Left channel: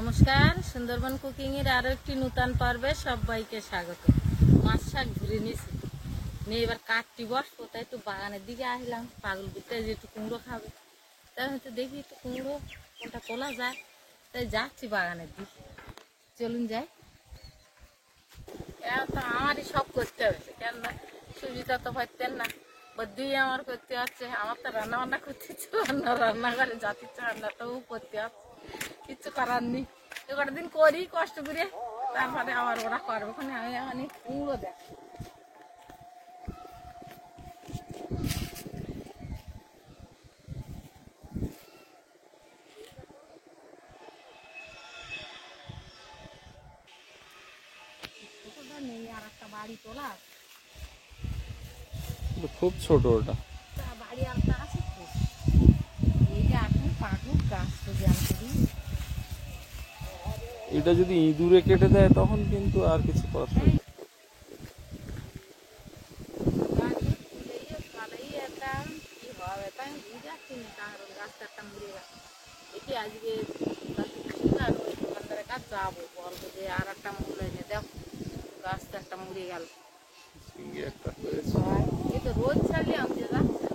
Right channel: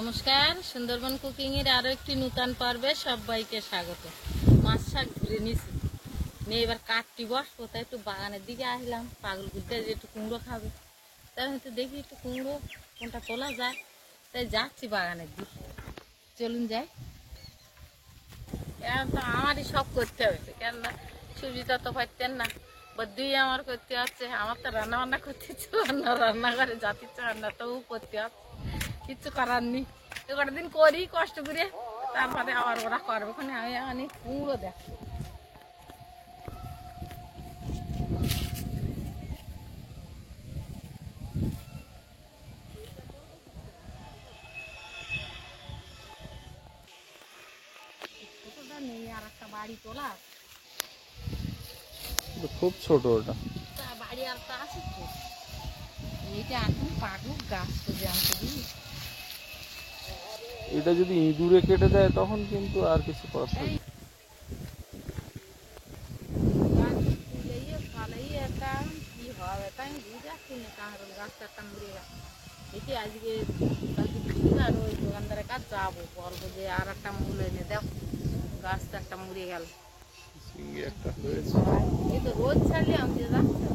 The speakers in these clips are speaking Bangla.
নমস্কার, সুন্দরবন কুকিং এর আরো একটি নতুন পর্বে সবাইকে স্বাগত। মাছ শাক ধরে নিয়েছি, নিয়ে এবার কাটটি বসবো, তাই একটু বাগানের দিকে আসলাম। পাগল বুদ্ধে যে একটু কুমড়ো খাবে, তাই হয়তো দেখি একটু কুমড়ো কোনটা তোলা যায়, তাই যাচ্ছি বাগানের দিকে। চলুন যাই। এখন তো আমারই সব করতে হয়েছে, কেননা সুবিধা তো পাইতেন না, বদ্যুই আমার করতে হচ্ছে। আমার তো রান্না বান্না করতে ইচ্ছে না, রান্নাঘরে যাতে ইচ্ছে রান্নাটাও করতে হচ্ছে, কিচ্ছু করার নেই। তো কটা দিন করি কষ্ট করে, তারপরে আবার ওরা করবে। ওখানে আমি অনেক কুমড়ো দেখ। ছোটটা নেই, আর একটা বাড়ি তোলা খুব ছোট ওটা। বাড়ি আর তা আছে তো, এইটা এখন পাকুক গাছ তো জানতে দিই। এটা যদি ইঁদুরে কেটে দেয় তখন কিন্তু আর কিছু করার থাকে না। কি হবে তাই আমি দিয়ে যাচ্ছি না, কারণ গাছটা একটা মুড়ে গেছে। দেখি আজকে আর ওই দোকানদারের কাজ যাবো, বলবো যে আর একটা মুড় এনে দেও, গাছটা একটা মুড়ে গেল। একটা হয়েছে, এই তো রোদ ছাড়লে আমাদের রাখতে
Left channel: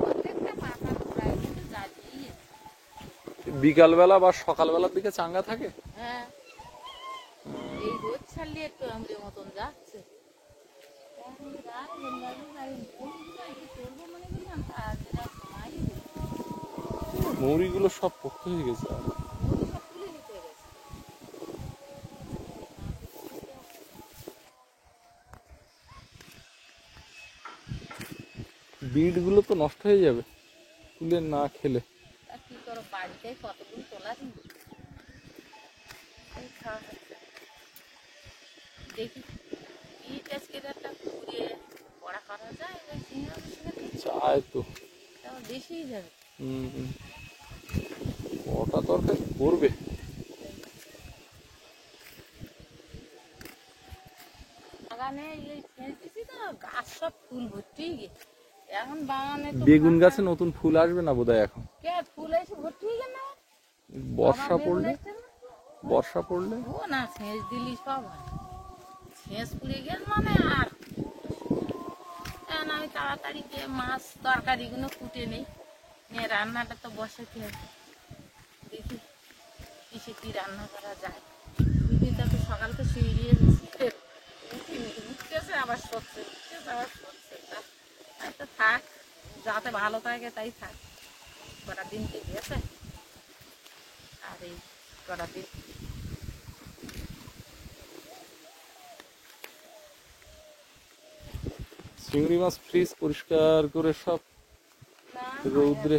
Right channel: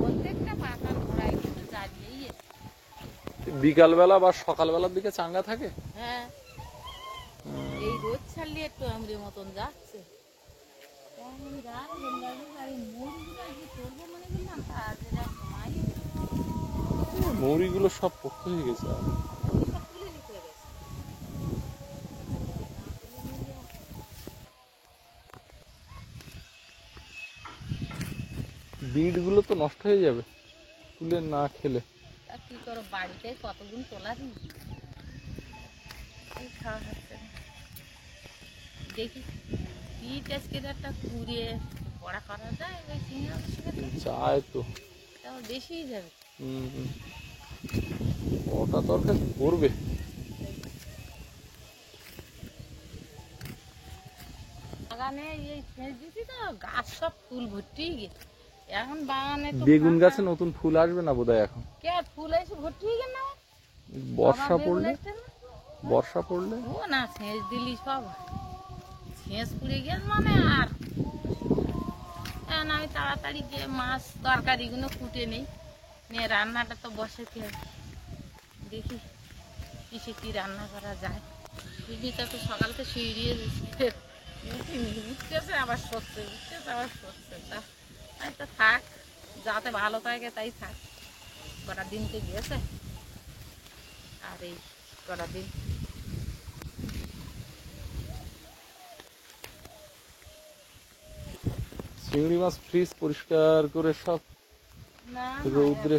প্রত্যেকটা পাতার গোড়ায় কিন্তু জ্বালিয়েই। বিকালবেলা বা সকালবেলার দিকে চাঙ্গা থাকে। হ্যাঁ, এই রোদ ছাড়লে একটু আমাদের মতন যাচ্ছে। মৌরিগুলো সব পোক্ত হয়ে গেছে। আর বিট গুলো তো নষ্ট হয়ে যাবে তুলে না খেলে। কি করো, বাড়িতে কতদিন তোলা দিই, খাওয়া হচ্ছে। দেখি ইট আজকে একটা পুড়িয়ে পড়া করা যায়, ওই চায় তো বেশি যাবে। ওটা তরকারি করবে। বাগানে এই সেচ দিছি তো, গাছ সব ফুল ভর্তি গেছে। এখন বাগানে বেগুন গাছে নতুন ফুল আসবে না বোধহয় এখন। কে ফুল এসে ভর্তি হয়ে গেল না? বর্ষা পড়লে, বর্ষা পড়লে ও না, সেচ দিলি সব হয়। সেচ পুড়ে গেল মানে আর আমি তাড়াতাড়ি গিয়ে মাছ তরকারি গুলো কুটে নেই, নিয়ে রান্নাটা তো বসাতে হবে। দেখি কিসে কি রান্না করা যায়। উঠিটা তো সকালকে শুয়ে দিয়ে উঠিনি, উঠতেছে আবার সরছে, উঠতেছে আবার সরছে। তাই তো থাক, যাতে ভালো থাকে তাই থাক। কটা দিনকে গেছে, আর এই কটা দিন চিংড়ি মাছ ফ্রিজ পরিষ্কার করে সব রৌদ্রে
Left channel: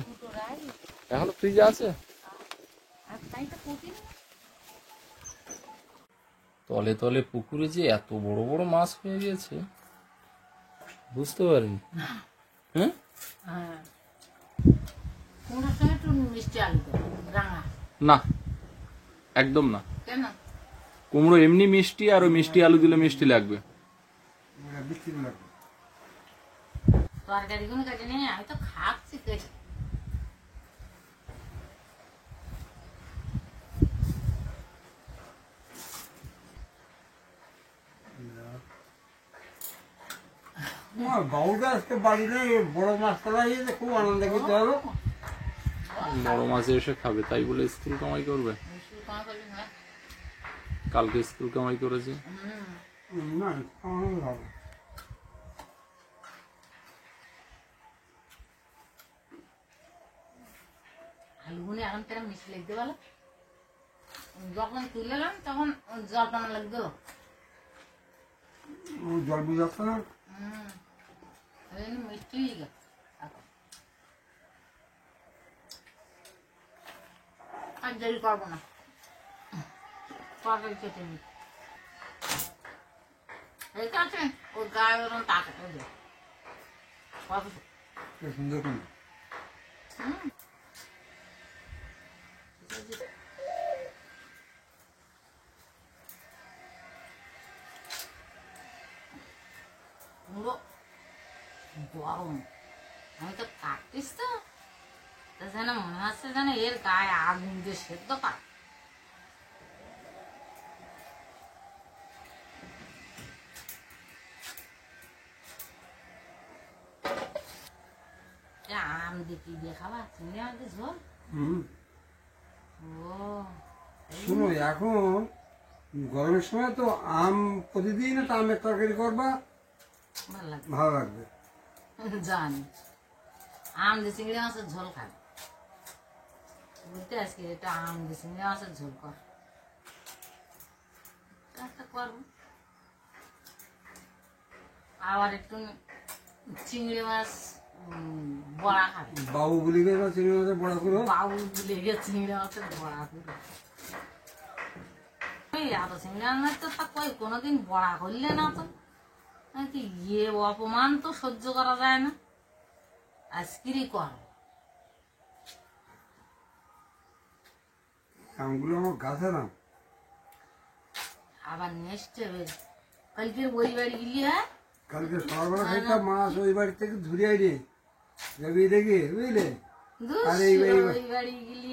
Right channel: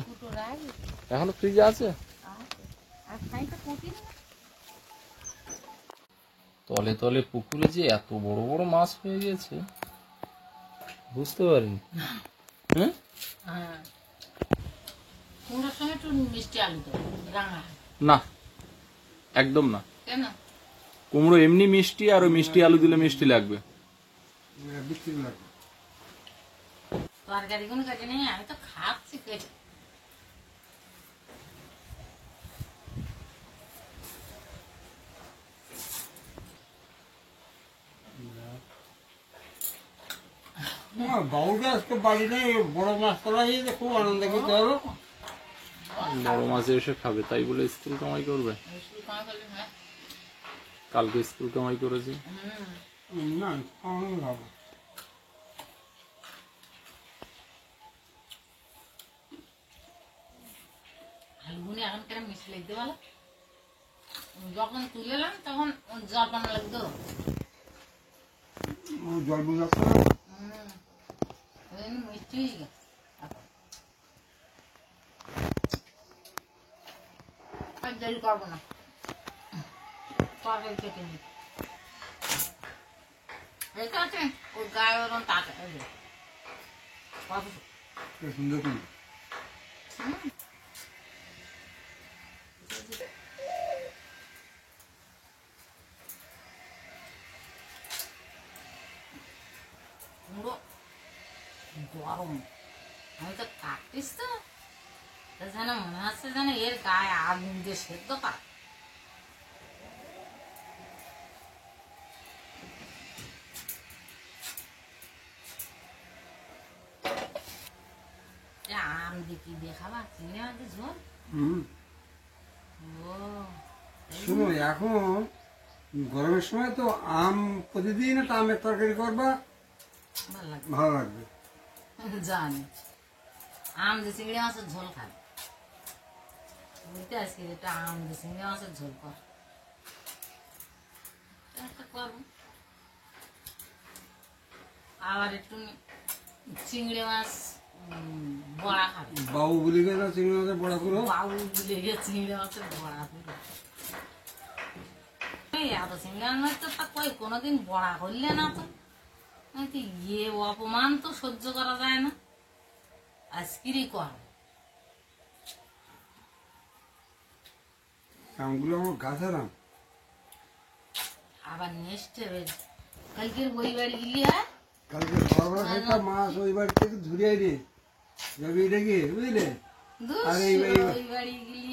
এখনো ফ্রিজে আছে। তলে তলে পুকুরে যে এত বড় বড় মাছ হয়ে গেছে বুঝতে পারিনি। হ্যাঁ, কুমড়োর সঙ্গে একটু মিষ্টি আলু দেবো, রাঙা না একদম না। কেন? কুমড়ো এমনি মিষ্টি, আর ওই মিষ্টি আলু দিলে মিষ্টি লাগবে। তরকারি কোনো কাজে নেই, আমি তো খাচ্ছি কেটে। বাবুটা আজকে বাড়ি নেই, বড় মাছ তোলা হয়েছে, খুব আনন্দ করতে হবে। বড় মাছে এসে খাবে তাই বলে স্কুল কামাই করবে। কালকে স্কুল কামাই করেছি। না খাওয়ানো ভালো। আলুগুনি এখন কেন মিষ্টি লাগতে বলো? যখন তুলে এলাম তখন জলপান লাগতো, জল বুঝাচ্ছে না, মিষ্টি হয়ে গেছে। আর দেরি করবো না, তরকারি কেটে নি ঠিক আছে। ওর গায়ে ওরকম তাকে সুন্দর করে গরম, আমি তো কাটতিস তো যেন মনে হচ্ছে যেন এর গায়ে আগুন দিয়ে সেদ্ধ করা। দিয়ে কি দিয়ে খাবা? চিংড়ি মাছ দিয়ে ঝোল? হুম। ও শুনো এখন গরমের সময় তো আম প্রতিদিন একটা আমের তরকারি করবা, ভালো লাগে। ভালো লাগবে। জানি আম দিয়ে চিংড়ি মাছের ঝোল খাবে। বলতে আজকে এটা আম দিয়ে চিংড়ি মাছের ঝোল কর। একটা করবো। আবার একটু চিংড়ি মাছ বড়া খাবে। বাবু বলি গেল চিংড়ি মাছের বড়া করো। বাবু বলে গিয়ে চিংড়ি মাছের বড়া পুরো এত চিংড়ি মাছ তো তা কই কোনোদিন বড়া করলে না তো ইয়ে অপমান তো সহ্য করা যায় না। আজকেরই কর। আমগুলো আমার গাছের আম। আবার নেক্সট কালকের ওই বাড়ি গেলি হ্যাঁ কালকে সকালবেলা খাইতাম মাছ ওই বাড়ি থেকে ধরে আইনি যাবি রেগে বুঝলে। আর এই ওই বাড়ি গেলি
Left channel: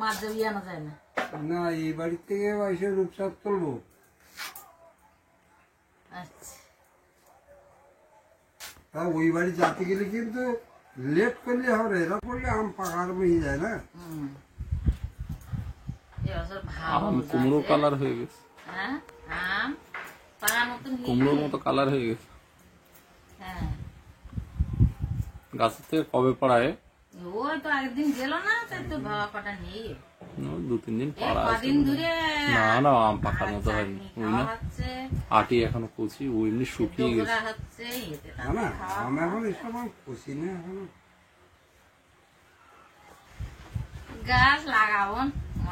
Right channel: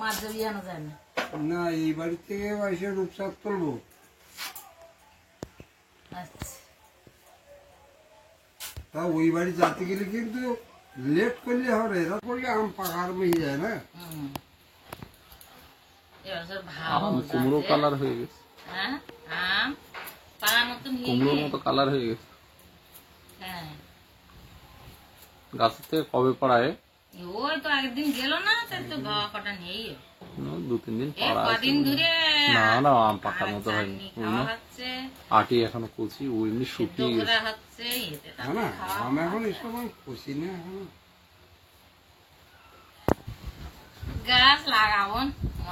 মাছ যাবি আনা যায় না। না এই বাড়ি থেকে এসে রূপসাপ তুলবো। আচ্ছা তা ওই বাড়ি যাতে গেলে কিন্তু লেট করলে হবে, এরা করলে আম পাকার হয়ে যায় না। এবছর আম ভালো কুমড়ো যাচ্ছে। কালার হয়ে গেছে, হ্যাঁ আম পাড়ার মতন কুমড়োর মতো কালার হয়ে গেছে। হ্যাঁ গাছের থেকে কবে পাড়ায়? ওই তো একদিন গেল না তাই তো বাবা কটা নেই 2-3 দিন এই পাড়া আছে। কদিন ধরে না না আম পাকার মতো হয়নি, চাটনি খাওয়া হচ্ছে আটি এখনো কচি, ও এমনি শুকিয়ে গেছে। ডোকরা হচ্ছে এতে না না আম এখন এসব আমি খুশি না এখন। গাছ লাগাবো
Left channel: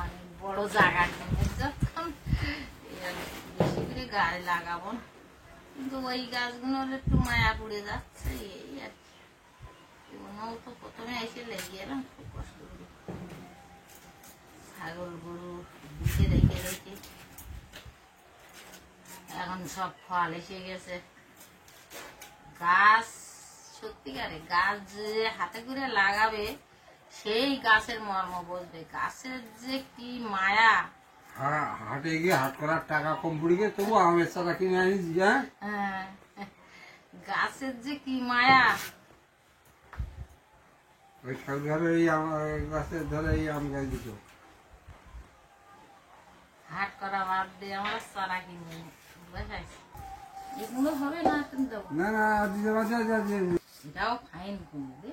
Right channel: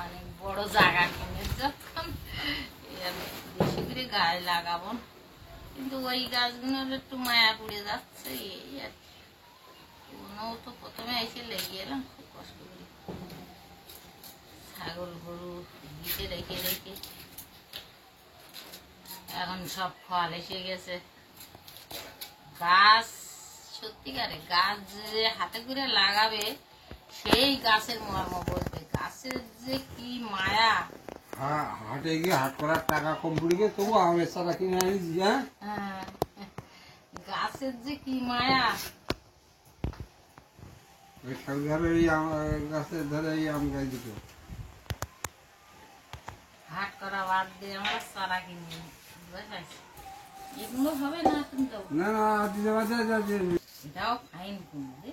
অনেক বড় জায়গা কিনে যখন বেশি করে গাছ লাগাবো কিন্তু ওই গাছগুলোর একটু মায়া পড়ে যাচ্ছে এই আর কি। কোনো তো প্রথমে এসে লেগে এলাম খুব কষ্ট করি ছাগল গরু দিতে রেখে রেখে এখন সব ফল এসে গেছে। গাছ সত্যিকারে গাছ যে হাতে করে লাগাবে সেই গাছের মর্ম বলতে গাছের যে কি মায়া। হাটে গিয়ে হাট করার টাকা কম পড়ে গিয়ে তবু আমের চারা কিনে আনিস। হ্যাঁ, গাছের যে কি মায়া। ওই ঘরে এই গাছের ধরে এই আম গাছ দিত। হাট করা বাদ দিয়ে আমরা চারা কিনি বুঝাইছি এগুলো হবে না কিন্তু না না দিতে পারছে এটাও ফাইন কুমড়ো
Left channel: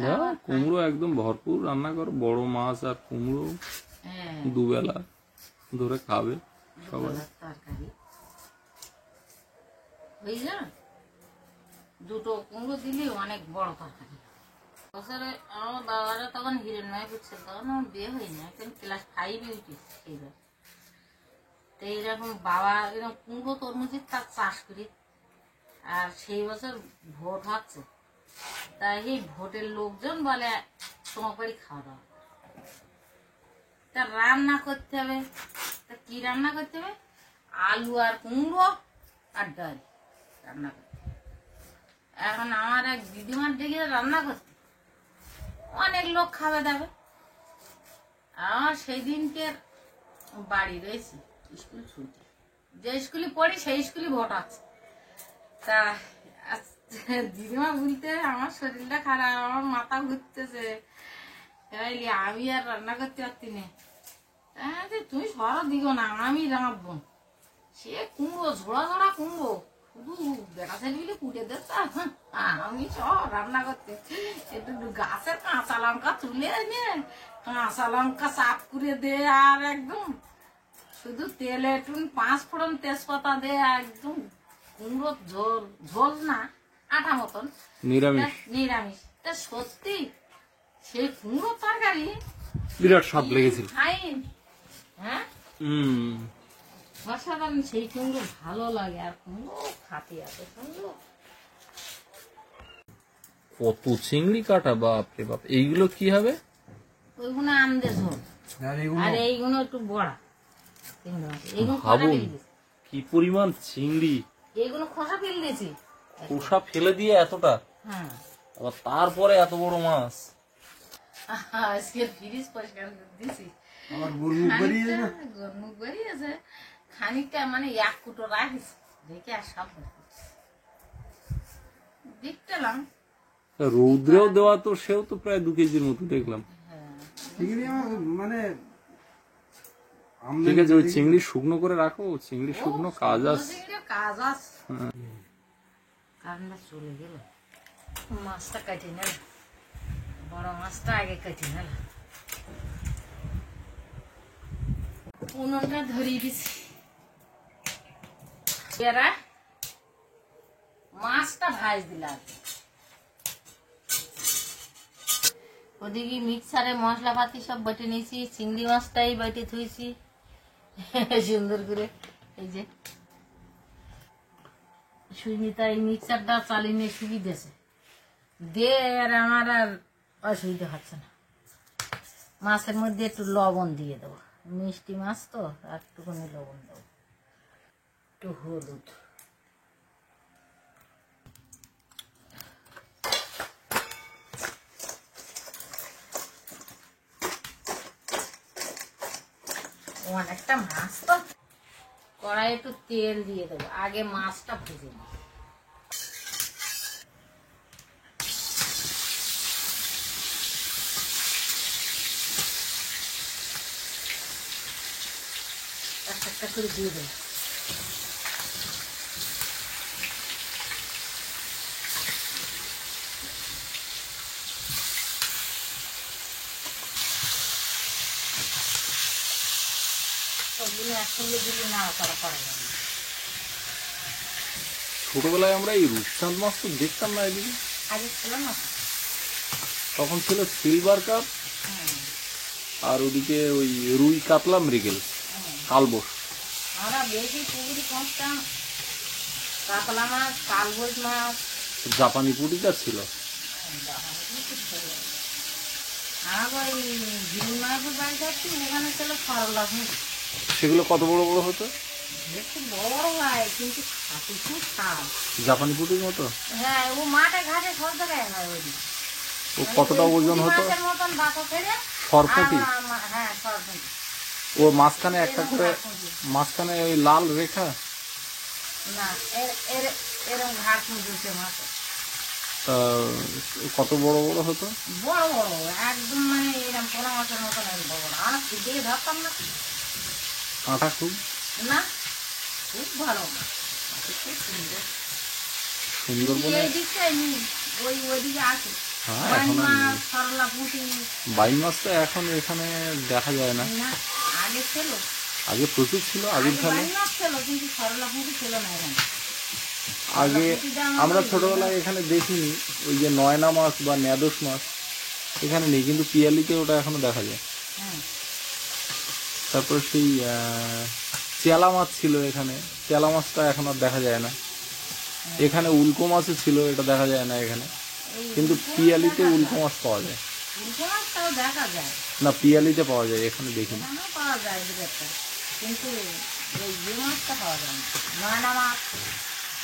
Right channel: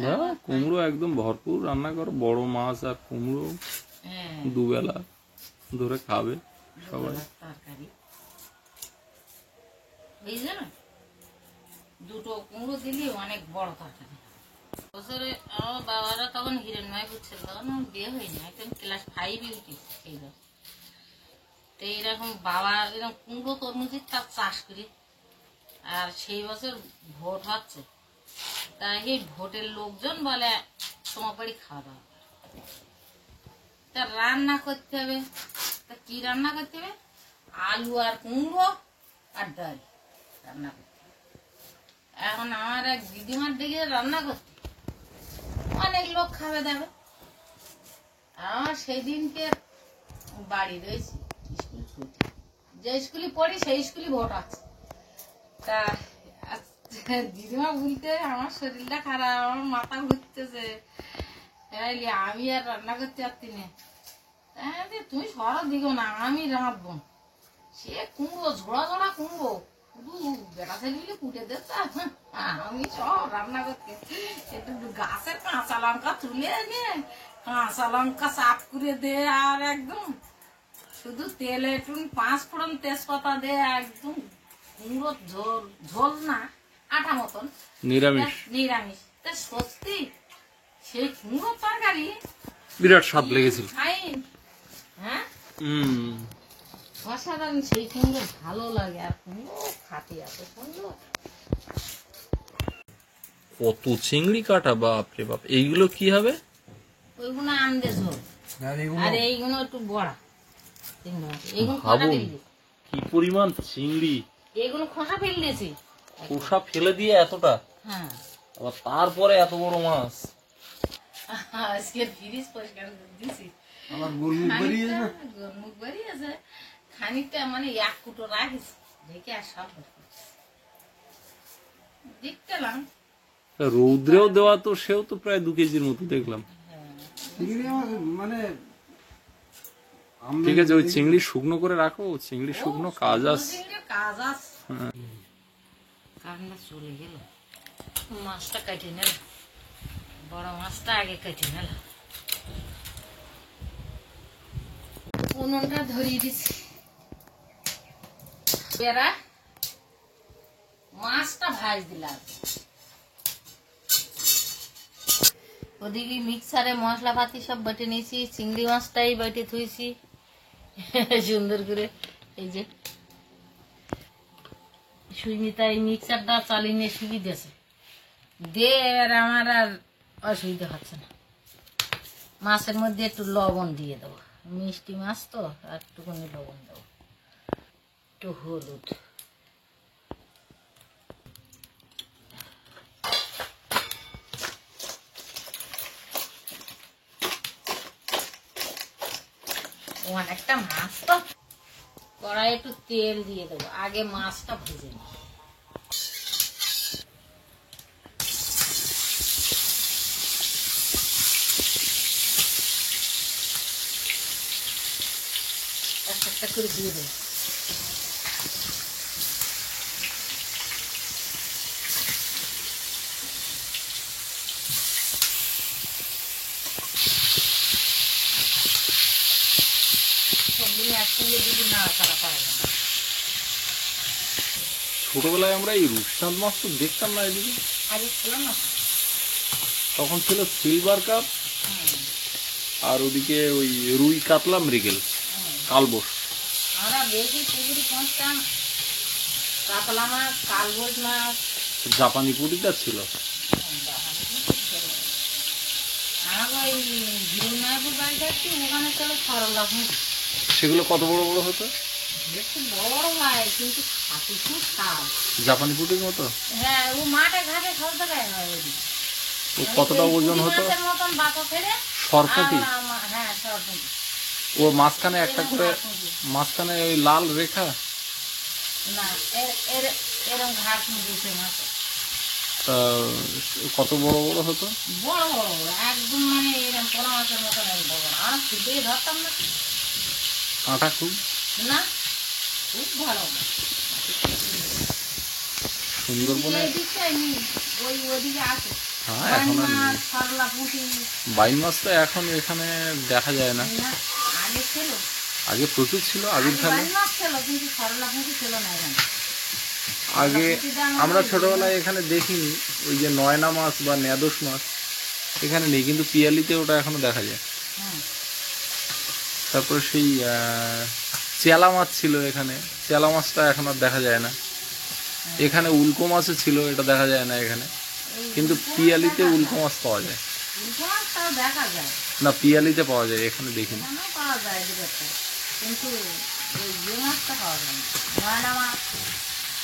না কুমড়ো একদম ভরপুর রান্না করো, বড় মাছ আর কুমড়ো হ্যাঁ দুবেলা ধরে খাবে সবাই। তরকারি বুঝলি না দুটো কুমড়ো দিলি অনেক বড় তরকারি। বছরে আমার বাবারা তখন হিরণময় বুঝছে তখন আমার বিয়ে হয়নি একদম ক্লাস 5-এ উঠেছে সেই বছর। তো এইরকম বাবা এরকম কুমড়ো তরমুজের তার চাষ করি আর সেই বছর ভোট হচ্ছে তা এই ভোটের লোকজন বলে তোমার বাড়ি খাওয়া দাওয়া করো। তা রান্না করতে হবে তা কি রান্না করতে হবে আলু আর কুমড়ো আর ডাল রান্না করতে হবে। এখন আমার এক দিদিমার দিকে রান্না করতে অনেক লোক খাবে দেবে। আমার সেই দিনকে বাড়ি রয়েছে স্কুল ছুটি যে স্কুলে পড়ি সেই স্কুলে ভোট আছে। তা দিদিমা বলতে আমার শরীরটা খারাপ আমার মাথা ঘুরতেছে আমি আর রান্না করতে পারছি না। তুমি সরা দিও না আমি রাঁধবো। সে কুমড়ো ঝোড়া ঝোড়া কুমড়ো শুধু বেটা ছেলে কুটে দেখতাম আমি সব রান্না করতে একটু গাছের কাঁচা লঙ্কা তুলে এনে কাঁচা লঙ্কা চাপ করে দে আর একদম শুধু তেলে একটু 5 ফোড়ন তেজপাতা দে একদম কুমড়ো ঝোল ঝোল না আটা মতন নিরামিষ নিরামিষ তা সত্যি সেই কুমড়ো তরকারি বিরাট স্বাদ লেগেছিল। ফাইন হ্যাঁ অসাধারণ সেই কুমড়ো ভালো লাগে আর কুমড়ো খাতে এত সুন্দর। কত চিংড়ি কাটা, বাপরে বাপ। এইগুলো কি হবে? ওইগুলো আমদে ঝোল আর এইগুলো একটু বড়া চিংড়ি মাছ এইগুলো খোসা ভাবুন ফেলে কি পরিমাণ চিংড়ি, এইগুলো খোসা ফেলে দিয়েছি। খোসা ফেলে দিয়ে এতটা, হ্যাঁ আবার তারপরে এত বড় মাছ। আজকে ফ্রিজ পরিষ্কার করে দিয়েছি আমার গোলমুখ বেরিয়ে না। গরমুখ বেরিয়েছে খানিকটা মানে 1 কুটো রাখিস রেখে আর সব দেখতেলাম রৌদ্রেও দেওয়া তো সেও তো প্রায় 2 কেজির মতো দেখলাম। চিংড়ি মাছ মানে ঠিক আছে, ওই চিংড়ি শুকনো করে রাখো, চিংড়ি শুকনো কাজ আছে। কাজ আছে। কারেন্টটা চলে গেল, মাছটা কেটে নিল, বড় মাছটা আগে কেটে নিল। উনুনটা ধরিয়ে দিচ্ছি, এরা মাছটা ভাজ দিলাম। ওদিকে মিক্সারে মশলাপাতি সব বেটে নিয়েছি, চিংড়ি মাছটাই বেটে থুইছি সুন্দর করে। এই যে সুইমিতা এই মিক্সারটা চালিয়ে নিয়ে শুকিয়ে দিয়েছে, দে আর আমার আর অসুবিধা হচ্ছে না। মাছের মধ্যে একটু লবণ দিয়ে দেবো, মিষ্টি মাছ তো একটুখানি লবণ দেবো, একটু হলুদ, অনেকটা মাছ তো। কড়াই একটু তেল দিয়ে দেবো, আগে মাছটা ভেজে নিই। একটা করে দিয়ে দেবো। সবগুলো একসঙ্গে দিলে নাড়াচাড়া করা যাবে। ছোটবেলায় আমরা এই রূপচাঁদ মাছ তো দেখতাম না এদিকে, আগে ছিল না তো। তখন ছিল সিলভার কাপ, আর ওদিকে ওই রুই কাতলা মৃগেল কালবোস। আমরা বেশি পুকুরি পৌঁছতাম, কাতলা মাছ, কালবোস মাছ, জাপানি পুঁটিটা ছিল। আমার ওই গিরুমায়াপুর বাড়ি যাচ্ছি, ওখানে ছিল সরলা পুঁটি। সেগুলো কত বড় বড় হতো? একটু বড় হয় কিন্তু খাটি খুব স্বাদ। জাপানি পুঁটির মতো। হ্যাঁ, ও মাঠে ঘাটে সব জায়গায় হয় ওই। ও কতটা ওজন হতো? মতন বাঁকো ফেলে। সরপুঁটি। হ্যাঁ, সরপুঁটি। ও মাঝখানে একটা করে, মাঝখানে ওই লাল রেখা। না, এরকম ঘাট মুজুছে মাছ। কত বড় বড় হতো? বড় বড় একদম, মানে এরকম পোনা মাছের মতন বড় বড়। আমরা খুবই ধরতাম না, কাঁটা খুব না খুব ভালো। সুন্দরবনে এই দিকটা নেই, ওই ওদিকে আছে। হ্যাঁ, এখন আর নেই। সরলা পুঁটি বাইন মাছ তো এখন এখানে দেখা যায় না। না, আগে ছিল। আগে প্রচুর ছিল, আবির খালে। বাইন মাছ ছিল কিন্তু সরলা পুঁটি ছিল না এখানে। আগে আমরা ছোটবেলায় এখানে দেখিনি ওই যে নয়না মাছ বা নেদোস মাছ এখানে নেই, কিন্তু পিয়ালিতে ওটা এখনো দেখা যায়। হুম। তারপর সেই চেলা মাছ ছিল এখানে, চেলা মাছটা এখন আর দেখা যায় না। এখানে উল্কো মাছও ছিল, এটা দেখা যায় না এখানে, কিন্তু পিয়ালিতে উল্কো মাছ পাওয়া যায়। উল্কো মাছ তাও দেখা যায়, না, পিয়ালিতে পাওয়া যায়, এখানে দেখিনি। ওখানেও পাওয়া যায় দুটো, কিন্তু ওই ইয়ে মাছটা পাওয়া যায় না, নয়না মাছ।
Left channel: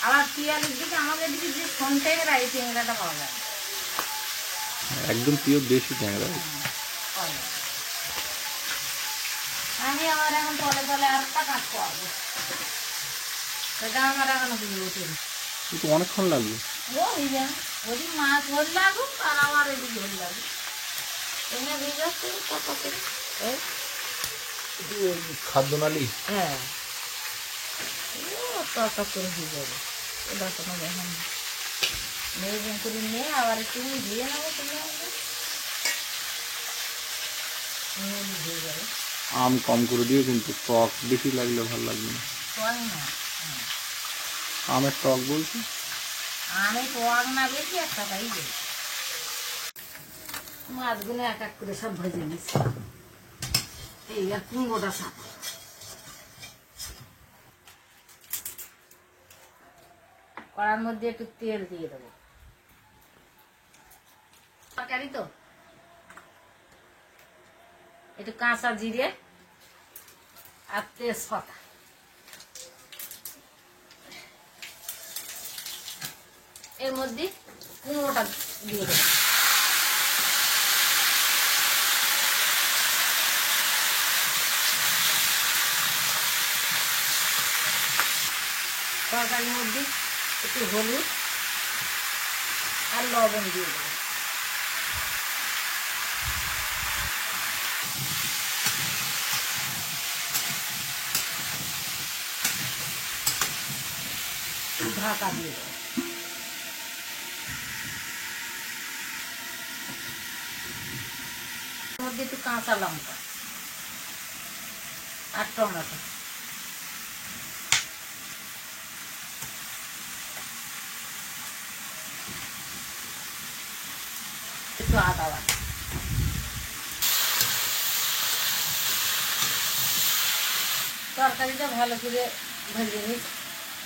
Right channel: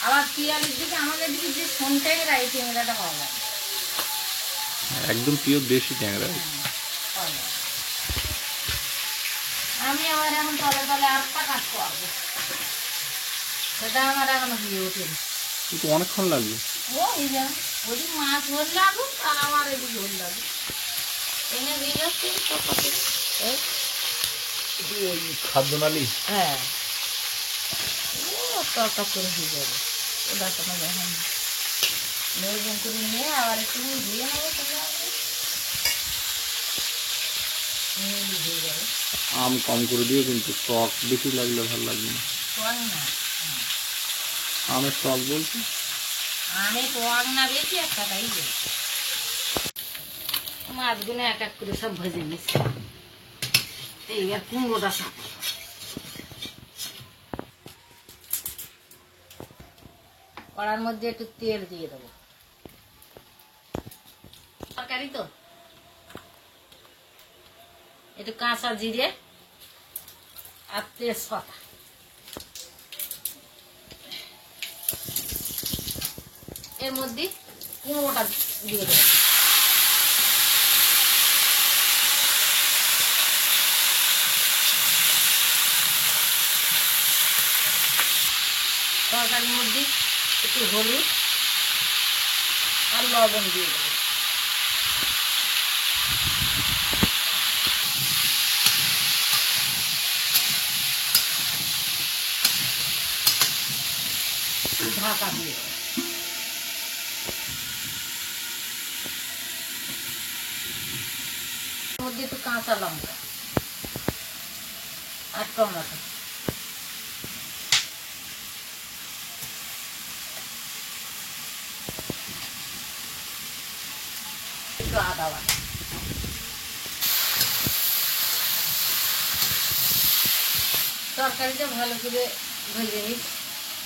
আবার পিয়ালির দিকে আমাদের দিকে যে সোন ট্যাংরা, এই ট্যাংরাটা পাওয়া যায়। একদম পিওর দেশি ট্যাংরা। পাওয়া যায়। আমি আমার এখন তলে তলে আরেকটা কাজ করবো, সেটা আমার এখনো দিয়ে ওঠেনি। কিন্তু অনেকক্ষণ লাগবে। ওই যে ওদিক মাছ ধর লাগুক আর আমার এদিক ধর লাগুক, এনে দিয়ে যাচ্ছে খাদ্য নালী। হ্যাঁ, ও টক করে দিয়ে যাবে, ওটা কোনো দেখুন মেয়ে করে নিয়ে আবার একটু দিয়ে নেবে, তুমি দিয়ে যাবে। আম কম করে দিয়ে, কিন্তু টক বেশি লাগলে ভালো লাগবে না। টক না, আমের টক বলছি, আমি টক না বেশি একটা তাই যে মাছগুলো এক এক করে সব ভেজে নিচ্ছি। এইবার কুমড়োটা সব কড়ার মধ্যে একটু তেল দিয়ে দেবো, তরকারি তো একটু কাঁচা জিরে আর তেজপাতা, এর মধ্যে কুমড়োটা দিয়ে দেবো। তরকারির মধ্যে একটু হলুদ আর লবণ দিয়ে দেবো। ঢাকা দিয়ে দেবো। এর মধ্যে একটু কাঁচা লঙ্কা আর টমেটো, একটু আদা বাটা। তরকারিটা ভালো করে ভেজে নিই।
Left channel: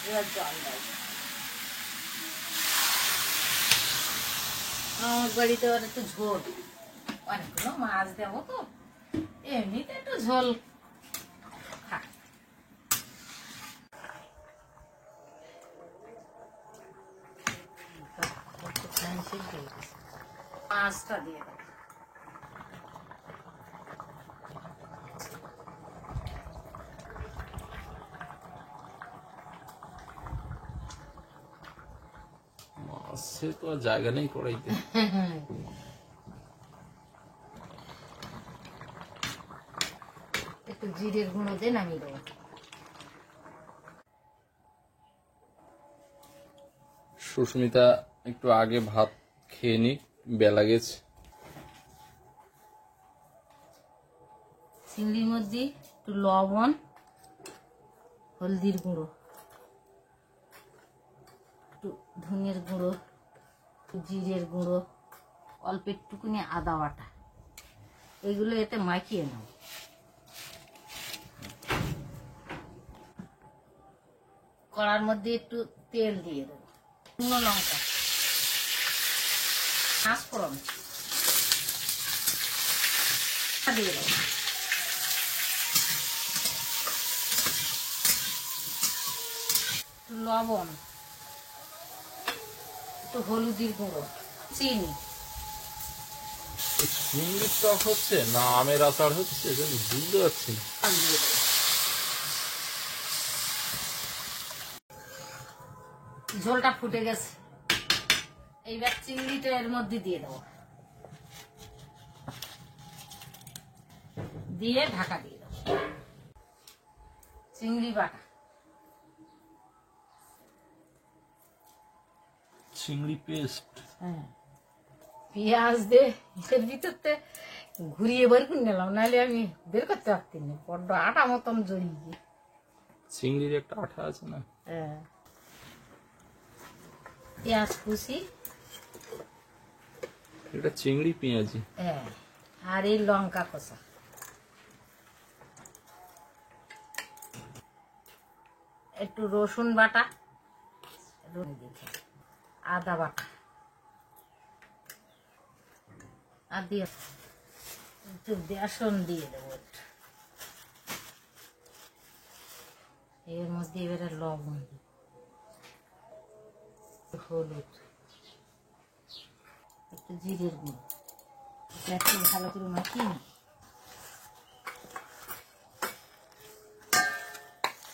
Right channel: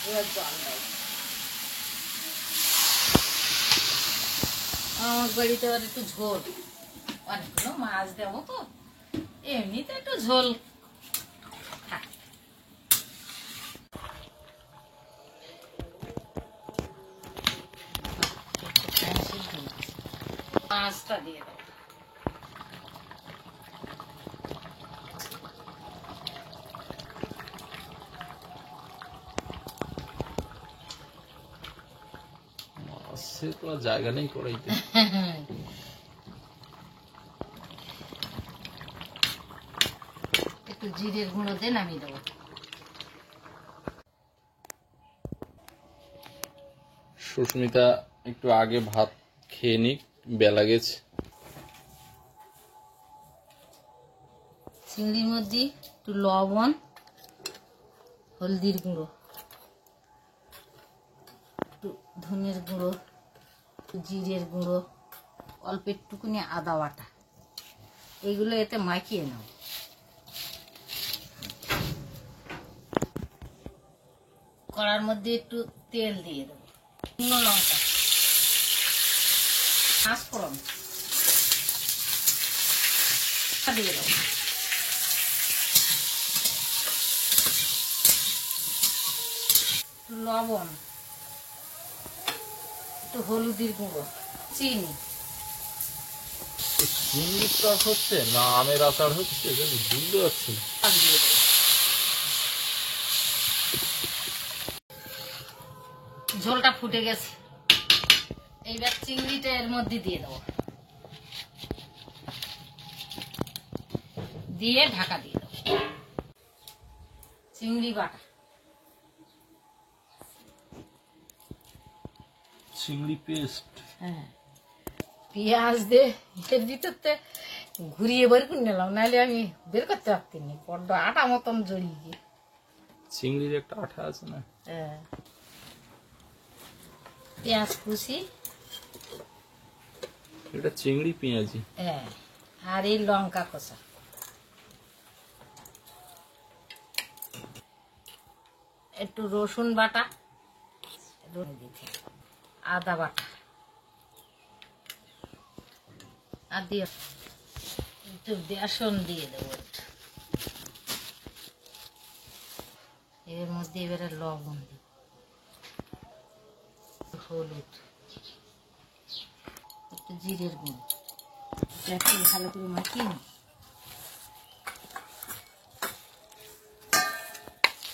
এবার জল দেয়। আমার বাড়িতে আবার একটু ঝোল, অনেকগুলো মাছ দেবো তো, এমনিতে একটু ঝোল খায়। মাছটা দিয়ে দেবো। মাছে তো আর জায়গা নেই কড়াইতে। একটু জিরের গুঁড়ো দিয়ে নামিয়ে দেবো। সুস্মিতা একটু আগে ভাত খেয়ে নিক, বেলা গেছে। চিংড়ির মধ্যে একটু লবণ, হলদির গুঁড়ো, একটু ধনিয়ার গুঁড়ো, একটু জিরের গুঁড়ো, অল্প একটুকুনি আদা বাটা, এগুলো এতে মাখিয়ে নাও। কড়ার মধ্যে একটু তেল দিয়ে দেবো, শুকনো লঙ্কা, পাঁচফোড়ন দিয়ে দেবো, লবণ, একটু হলুদের গুঁড়ো, চিনি। চিংড়ির টক হচ্ছে না আমের আচার হচ্ছে বুঝতে পারছি না। দিয়ে দেবো। ঝোলটা ফুটে গেছে, এইবার চিংড়িটা এর মধ্যে দিয়ে দেবো, দিয়ে ঢাকা দিয়ে দেবো। চিংড়ি বাটা, চিংড়ি পেস্ট, হ্যাঁ, পেঁয়াজ দিয়ে এর ভিতরতে ঘুরিয়ে বের করে নিলাম, নাহলে আমি বের করতে পারতি না, বড্ড আটা মতন জড়িয়ে গিয়ে। চিংড়ির একটা আঠা আছে না। হ্যাঁ, পেঁয়াজ কুচি, এটা চিংড়ি পেঁয়াজি। হ্যাঁ, আর এই লঙ্কা কষা, একটু রসুন বাটা, আদা বাটা, আর দিয়ে একটু বেসন দিয়ে দেবো। এর মধ্যে এবারে লবণ দিব, হলুদ, একটু জিরের গুঁড়ো, এটা একটু ভালো করে মাখিয়ে নিই।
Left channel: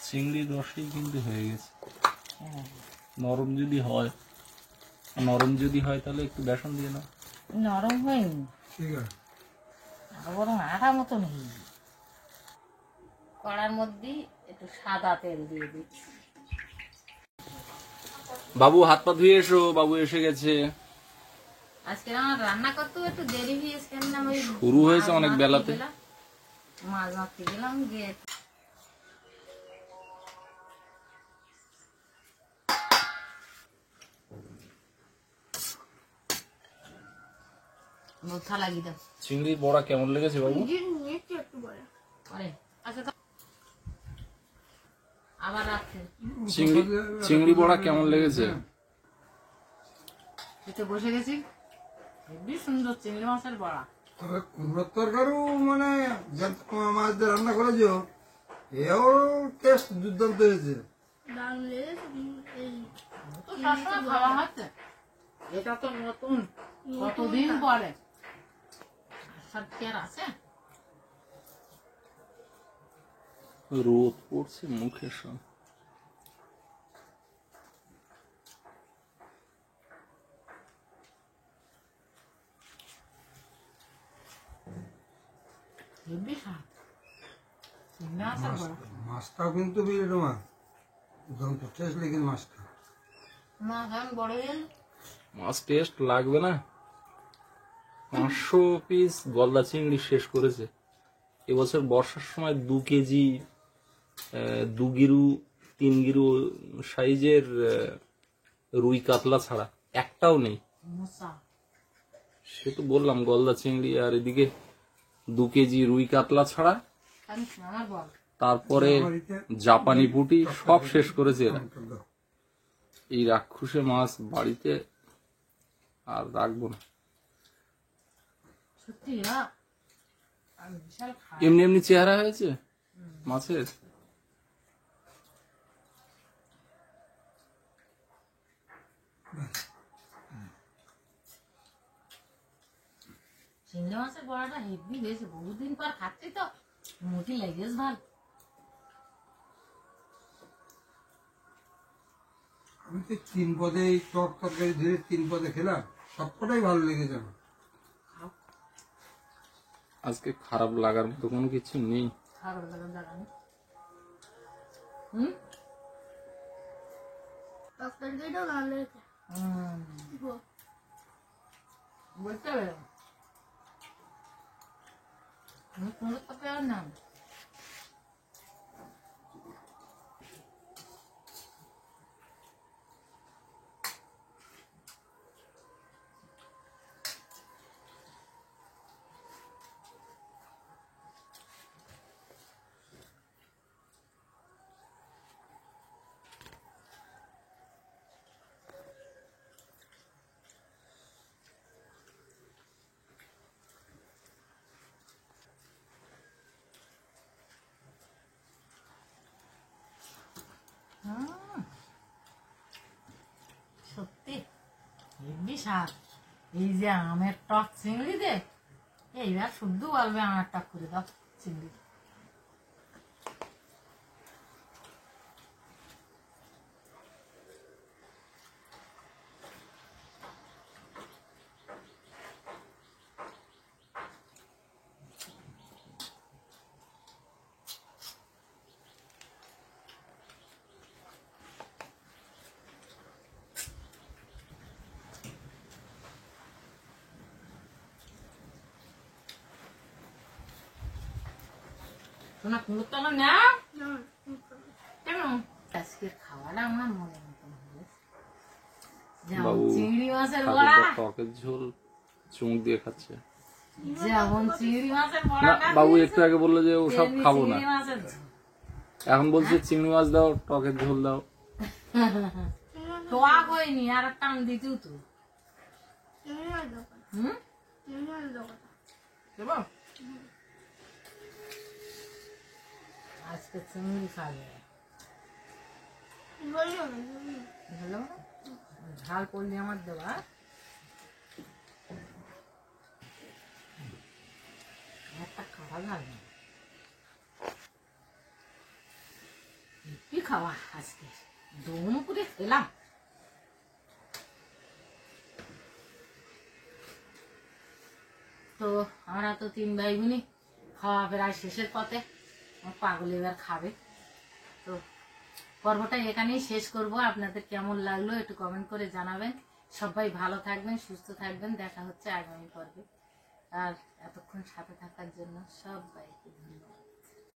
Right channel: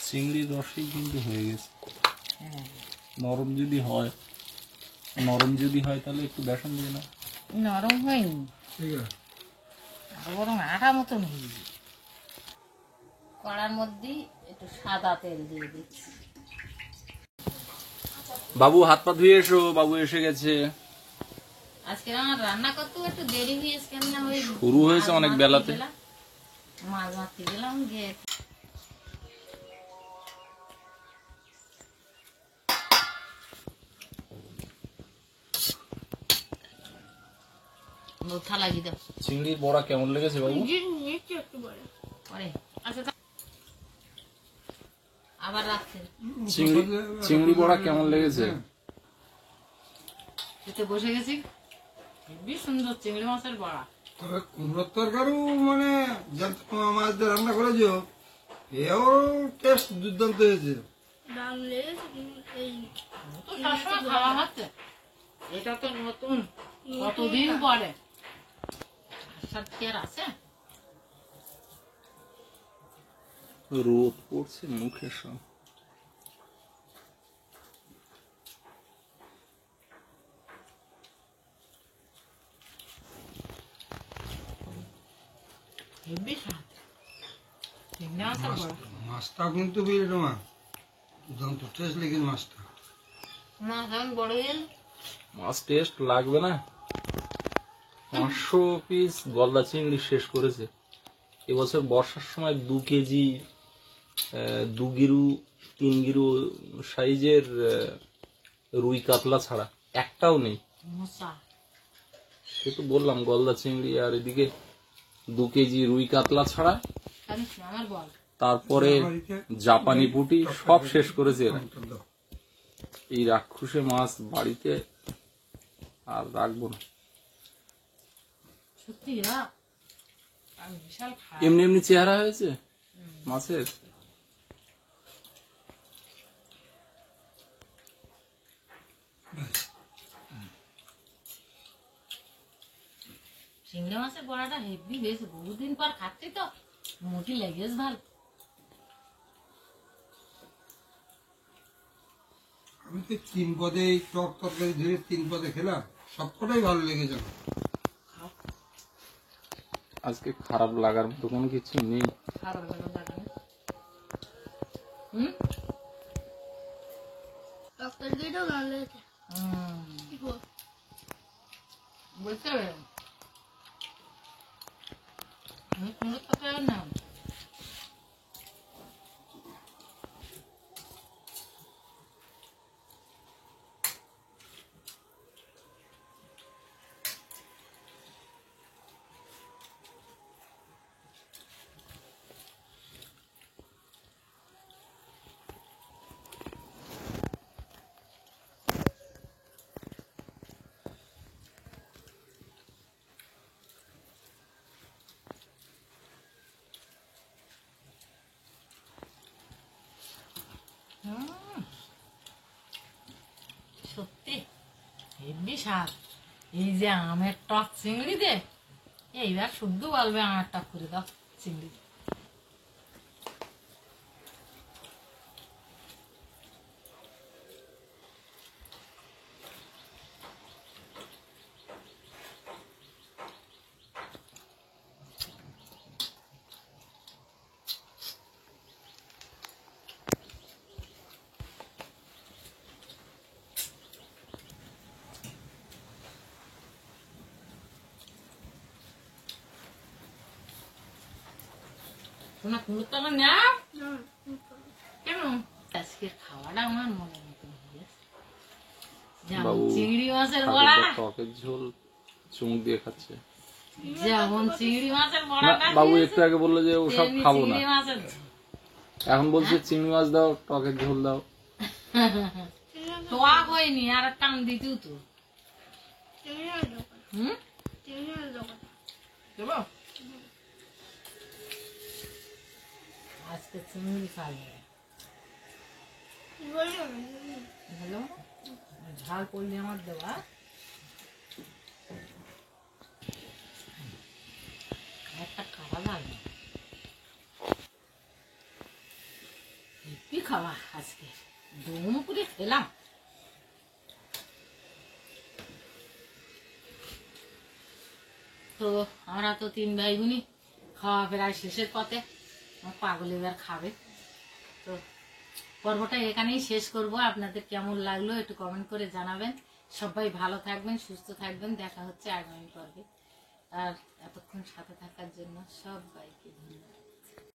চিংড়ির রসেই কিন্তু হয়ে গেছে। হ্যাঁ, নরম যদি হয় তাহলে একটু বেসন দিয়ে না। নরম হয়নি, ঠিক আছে। আরো বরং আঠা মতন হয়ে যায়। কড়ার মধ্যে একটু সাদা তেল দিয়ে দিচ্ছি। বাবু হাত পা ধুয়ে এসো, বাবু এসে গেছে। আজকে আমার রান্না করতেও একটু দেরি হয়েছে, কেন না ওই শুরু হয়েছে অনেক বেলাতে। মাছ মারতে গেলাম, গিয়ে বোথা লাগিয়ে দাও। চিংড়ির বড়া কেমন লেগেছে বাবু? ওই, আচ্ছা আবার রাখছে, চিংড়ি বড়া কেমন লেগেছে? খেতে বসে গেছি, হেবি সুন্দর চিংড়ি মাছের বড়া। তবে কুমড়োর তরকারিও মানে মাছ দিয়ে রান্না করেছো, এও টেস্ট দুর্দান্ত হয়েছে। তো সবসময় খাওয়া হচ্ছে, এটা তো নতুন, কতদিন পরে। আসার কি আর আছে? রোদ পড়ছে মুখে সব। হেব্বি স্বাদ। চিংড়ি মাছের বড়া মাছটাও কিন্তু বুঝলি তোমা দুর্দান্ত টেস্ট লেগে মাছটা। মাছ এখন বড় হয়ে গেল। মাছ টেস্ট লাগবে না? 500 পিস গলদা চিংড়ি শেষ করেছে এবছর বর্ষার সময়। 2 কেজি 2 গিরু 3 গিরু সাইজের রুই কাতলা ছাড়া একটাও নেই। মশা সে তো বললাম গলদা চিংড়ি, আর এদিকে 2 কেজি রুই কাতলা ছাড়া, জানিস না আমার বল। তারপরে জাপানি পুঁটি সব শেষ করেছে এরা। এই রাক্ষুসে মাছ বাড়িতে আর রাখবো না। সত্যি না আমি বিশাল খাই। এমনি এমনি চেহারা হয়েছে মাছের। চিংড়ি মাছের বড়াটা হেভি হয়েছে, বহুদিন পর খাচ্ছি তো মুখে লেগেছে ভালো। আমি তো 3 পদে এই টক তরকারি ধরে 3 পদে খেলাম, সবকটাই ভালো লেগেছে আমার। আজকে খারাপ লাগার মতো কোনো কিছু নেই। খাবার দাবার লাগে না। হুম তরকারিটাও ভালো লেগেছে। কি গো? বলতে হবে কুমড়োর তরকারি না। সত্যি হেব্বি স্বাদ। এই যে আমের টক চিংড়ি দিয়ে এইবার শুদ্ধ বলবে আমের টক করে দাও চিংড়ি। শোনা কুমড়োর তরকারি না কেন? আজকের খাওয়াটা আমার মনের মতন হয়ে গেছে। যেমন বাবু চিংড়ি মাছের বড়া, ঠাকুরদা টকের ঝোল চুমুক দিয়ে খাচ্ছে। যেমন চিংড়ি মাছের না বড়া বাবু একটু আগে বললো যে ওসব খাবো না, চিংড়ি মাছের ঝোল। এখন বলছে চিংড়ি মাছ দাও, টকের ঝোল দাও। টক হয়নি আর টান দিতেও তো। চিংড়ির দোকান। হুম চিংড়ির দোকান। দেবো আজকে চিংড়ি খাবে। কি বললো? হ্যালো ঝাল পড়লে আমার দেওয়া একটা খাওয়া যাবে হেপি খাওয়া আজকে দম করে খেলাম। তো আমরা তো 3 ভাই বোনই খাওয়া প্রায় শেষের পথে। আমার পাগল এবার খাবে। তো পর্বটা এখানেই শেষ করব। আপনাদের কেমন লাগলো একটু কমেন্ট করে জানাবেন। সবাই ভালো থাকবেন, সুস্থ থাকবেন। দেখা হচ্ছে আগামী পর্বে। আর এতক্ষণ সাথে থাকার জন্য সবাইকে ধন্যবাদ।